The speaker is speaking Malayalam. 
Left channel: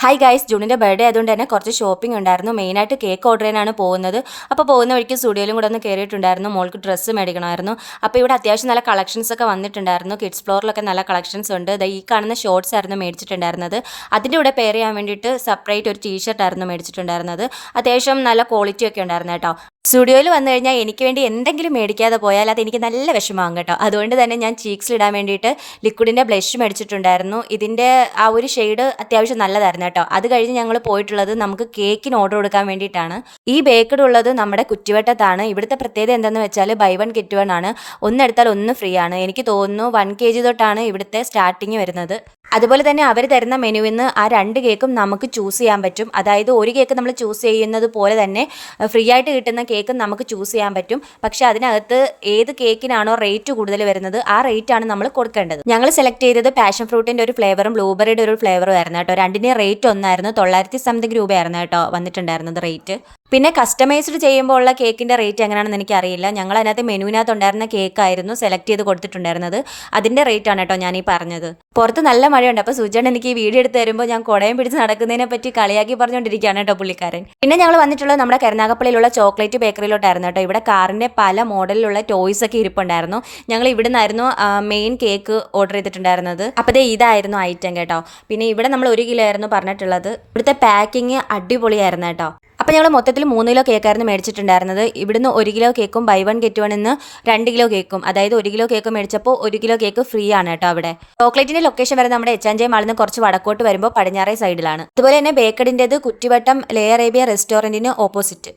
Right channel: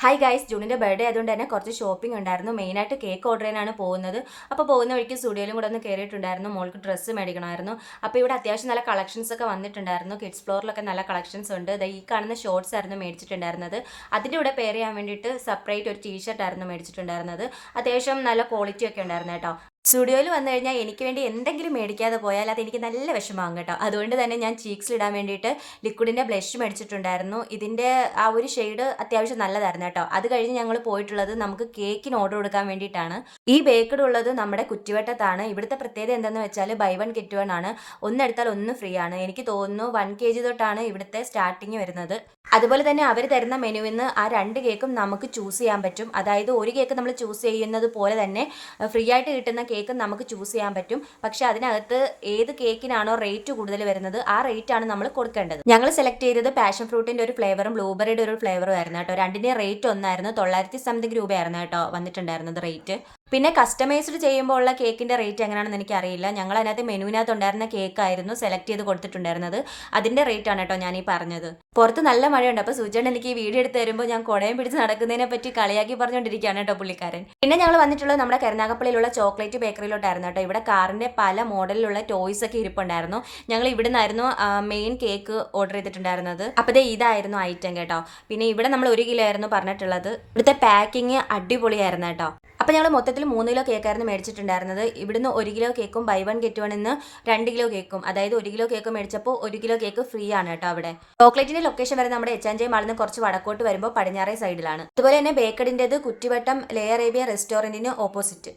ഹായ് ഗൈസ്, ജൂണിൻ്റെ ബർത്ത്ഡേ ആയതുകൊണ്ട് തന്നെ കുറച്ച് ഷോപ്പിംഗ് ഉണ്ടായിരുന്നു. മെയിനായിട്ട് കേക്ക് ഓർഡർ ചെയ്യാനാണ് പോകുന്നത്. അപ്പോൾ പോകുന്ന വഴിക്ക് സ്റ്റുഡിയോയിലും കൂടെ ഒന്ന് കയറിയിട്ടുണ്ടായിരുന്നു. മോൾക്ക് ഡ്രസ്സ് മേടിക്കണമായിരുന്നു. അപ്പോൾ ഇവിടെ അത്യാവശ്യം നല്ല കളക്ഷൻസ് ഒക്കെ വന്നിട്ടുണ്ടായിരുന്നു. കിഡ്സ് ഫ്ലോറിലൊക്കെ നല്ല കളക്ഷൻസ് ഉണ്ട്. ഈ കാണുന്ന ഷോർട്സ് ആയിരുന്നു മേടിച്ചിട്ടുണ്ടായിരുന്നത്. അതിൻ്റെ കൂടെ പെയർ ചെയ്യാൻ വേണ്ടിയിട്ട് സെപ്പറേറ്റ് ഒരു ടീഷർട്ട് ആയിരുന്നു മേടിച്ചിട്ടുണ്ടായിരുന്നത്. അത്യാവശ്യം നല്ല ക്വാളിറ്റി ഒക്കെ ഉണ്ടായിരുന്നു കേട്ടോ. സ്റ്റുഡിയോയിൽ വന്നു കഴിഞ്ഞാൽ എനിക്ക് വേണ്ടി എന്തെങ്കിലും മേടിക്കാതെ പോയാൽ അത് എനിക്ക് നല്ല വിഷമമാകും കേട്ടോ. അതുകൊണ്ട് തന്നെ ഞാൻ ചീക്സിലിടാൻ വേണ്ടിയിട്ട് ലിക്വിഡിൻ്റെ ബ്ലഷ് മേടിച്ചിട്ടുണ്ടായിരുന്നു. ഇതിൻ്റെ ആ ഒരു ഷെയ്ഡ് അത്യാവശ്യം നല്ലതായിരുന്നു കേട്ടോ. അത് കഴിഞ്ഞ് ഞങ്ങൾ പോയിട്ടുള്ളത് നമുക്ക് കേക്കിന് ഓർഡർ കൊടുക്കാൻ വേണ്ടിയിട്ടാണ്. ഈ ബേക്കഡ് ഉള്ളത് നമ്മുടെ കുറ്റിവട്ടത്താണ്. ഇവിടുത്തെ പ്രത്യേകത എന്താണെന്ന് വെച്ചാൽ ബൈ വൺ ഗെറ്റ് വൺ ആണ്. ഒന്നെടുത്താൽ ഒന്ന് ഫ്രീ ആണ്. എനിക്ക് തോന്നുന്നു 1 kg തൊട്ടാണ് ഇവിടുത്തെ സ്റ്റാർട്ടിങ് വരുന്നത്. അതുപോലെ തന്നെ അവർ തരുന്ന മെനുവിൽ നിന്ന് ആ 2 കേക്കും നമുക്ക് ചൂസ് ചെയ്യാൻ പറ്റും. അതായത് ഒരു കേക്ക് നമ്മൾ ചൂസ് ചെയ്യുന്നത് പോലെ തന്നെ ഫ്രീ ആയിട്ട് കിട്ടുന്ന കേക്ക് നമുക്ക് ചൂസ് ചെയ്യാൻ പറ്റും. പക്ഷെ അതിനകത്ത് ഏത് കേക്കിനാണോ റേറ്റ് കൂടുതൽ വരുന്നത് ആ റേറ്റ് ആണ് നമ്മൾ കൊടുക്കേണ്ടത്. ഞങ്ങൾ സെലക്ട് ചെയ്തത് പാഷൻ ഫ്രൂട്ടിൻ്റെ ഒരു ഫ്ലേവറും ബ്ലൂബെറിയുടെ ഒരു ഫ്ലേവറും ആയിരുന്നു കേട്ടോ. രണ്ടിൻ്റെയും റേറ്റ് ഒന്നായിരുന്നു. 900 സംതിങ് രൂപയായിരുന്നു കേട്ടോ വന്നിട്ടുണ്ടായിരുന്നത് റേറ്റ്. പിന്നെ കസ്റ്റമൈസ്ഡ് ചെയ്യുമ്പോൾ ഉള്ള കേക്കിൻ്റെ റേറ്റ് എങ്ങനെയാണെന്ന് എനിക്കറിയില്ല. ഞങ്ങൾ അതിനകത്ത് മെനുവിനകത്ത് ഉണ്ടായിരുന്ന കേക്കായിരുന്നു സെലക്ട് ചെയ്ത് കൊടുത്തിട്ടുണ്ടായിരുന്നത്. അതിൻ്റെ റേറ്റ് ആണ് കേട്ടോ ഞാൻ ഈ പറഞ്ഞത്. പുറത്ത് നല്ല മഴയുണ്ട്. അപ്പോൾ സുജേട്ടൻ എനിക്ക് ഈ വീഡിയോ എടുത്ത് തരുമ്പോൾ ഞാൻ കുടയും പിടിച്ച് നടക്കുന്നതിനെ പറ്റി കളിയാക്കി പറഞ്ഞുകൊണ്ടിരിക്കുകയാണ് കേട്ടോ പുള്ളിക്കാരൻ. പിന്നെ ഞങ്ങൾ വന്നിട്ടുള്ളത് നമ്മുടെ കരുനാഗപ്പള്ളിയിലുള്ള ചോക്ലേറ്റ് ബേക്കറിയിലോട്ടായിരുന്നു കേട്ടോ. ഇവിടെ കാറിൻ്റെ പല മോഡലിലുള്ള ടോയ്സ് ഒക്കെ ഇരിപ്പുണ്ടായിരുന്നു. ഞങ്ങൾ ഇവിടെ നിന്നായിരുന്നു മെയിൻ കേക്ക് ഓർഡർ ചെയ്തിട്ടുണ്ടായിരുന്നത്. അപ്പോൾ ഇതായിരുന്നു ഐറ്റം കേട്ടോ. പിന്നെ ഇവിടെ നമ്മൾ 1 കിലോ ആയിരുന്നു പറഞ്ഞിട്ടുള്ളത്. ഇവിടുത്തെ പാക്കിങ് അടിപൊളിയായിരുന്നു കേട്ടോ. അപ്പോൾ ഞങ്ങൾ മൊത്തത്തിൽ 3 കിലോ കേക്കായിരുന്നു മേടിച്ചിട്ടുണ്ടായിരുന്നത്. ഇവിടുന്ന് 1 കിലോ കേക്കും ബൈ വൺ ഗെറ്റ് വൺ എന്ന് 2 കിലോ കേക്കും, അതായത് 1 കിലോ കേക്ക് മേടിച്ചപ്പോൾ 1 കിലോ കേക്ക് ഫ്രീ ആണ് കേട്ടോ. അവിടെ ചോക്ലേറ്റിന്റെ ലൊക്കേഷൻ വരെ നമ്മുടെ H&J മാളിൽ നിന്ന് കുറച്ച് വടക്കോട്ട് വരുമ്പോൾ പടിഞ്ഞാറേ സൈഡിലാണ്. അതുപോലെ തന്നെ ബേക്കഡിൻ്റെത് കുറ്റിവട്ടം ലേ അറേബ്യ റെസ്റ്റോറൻറ്റിന് ഓപ്പോസിറ്റ്.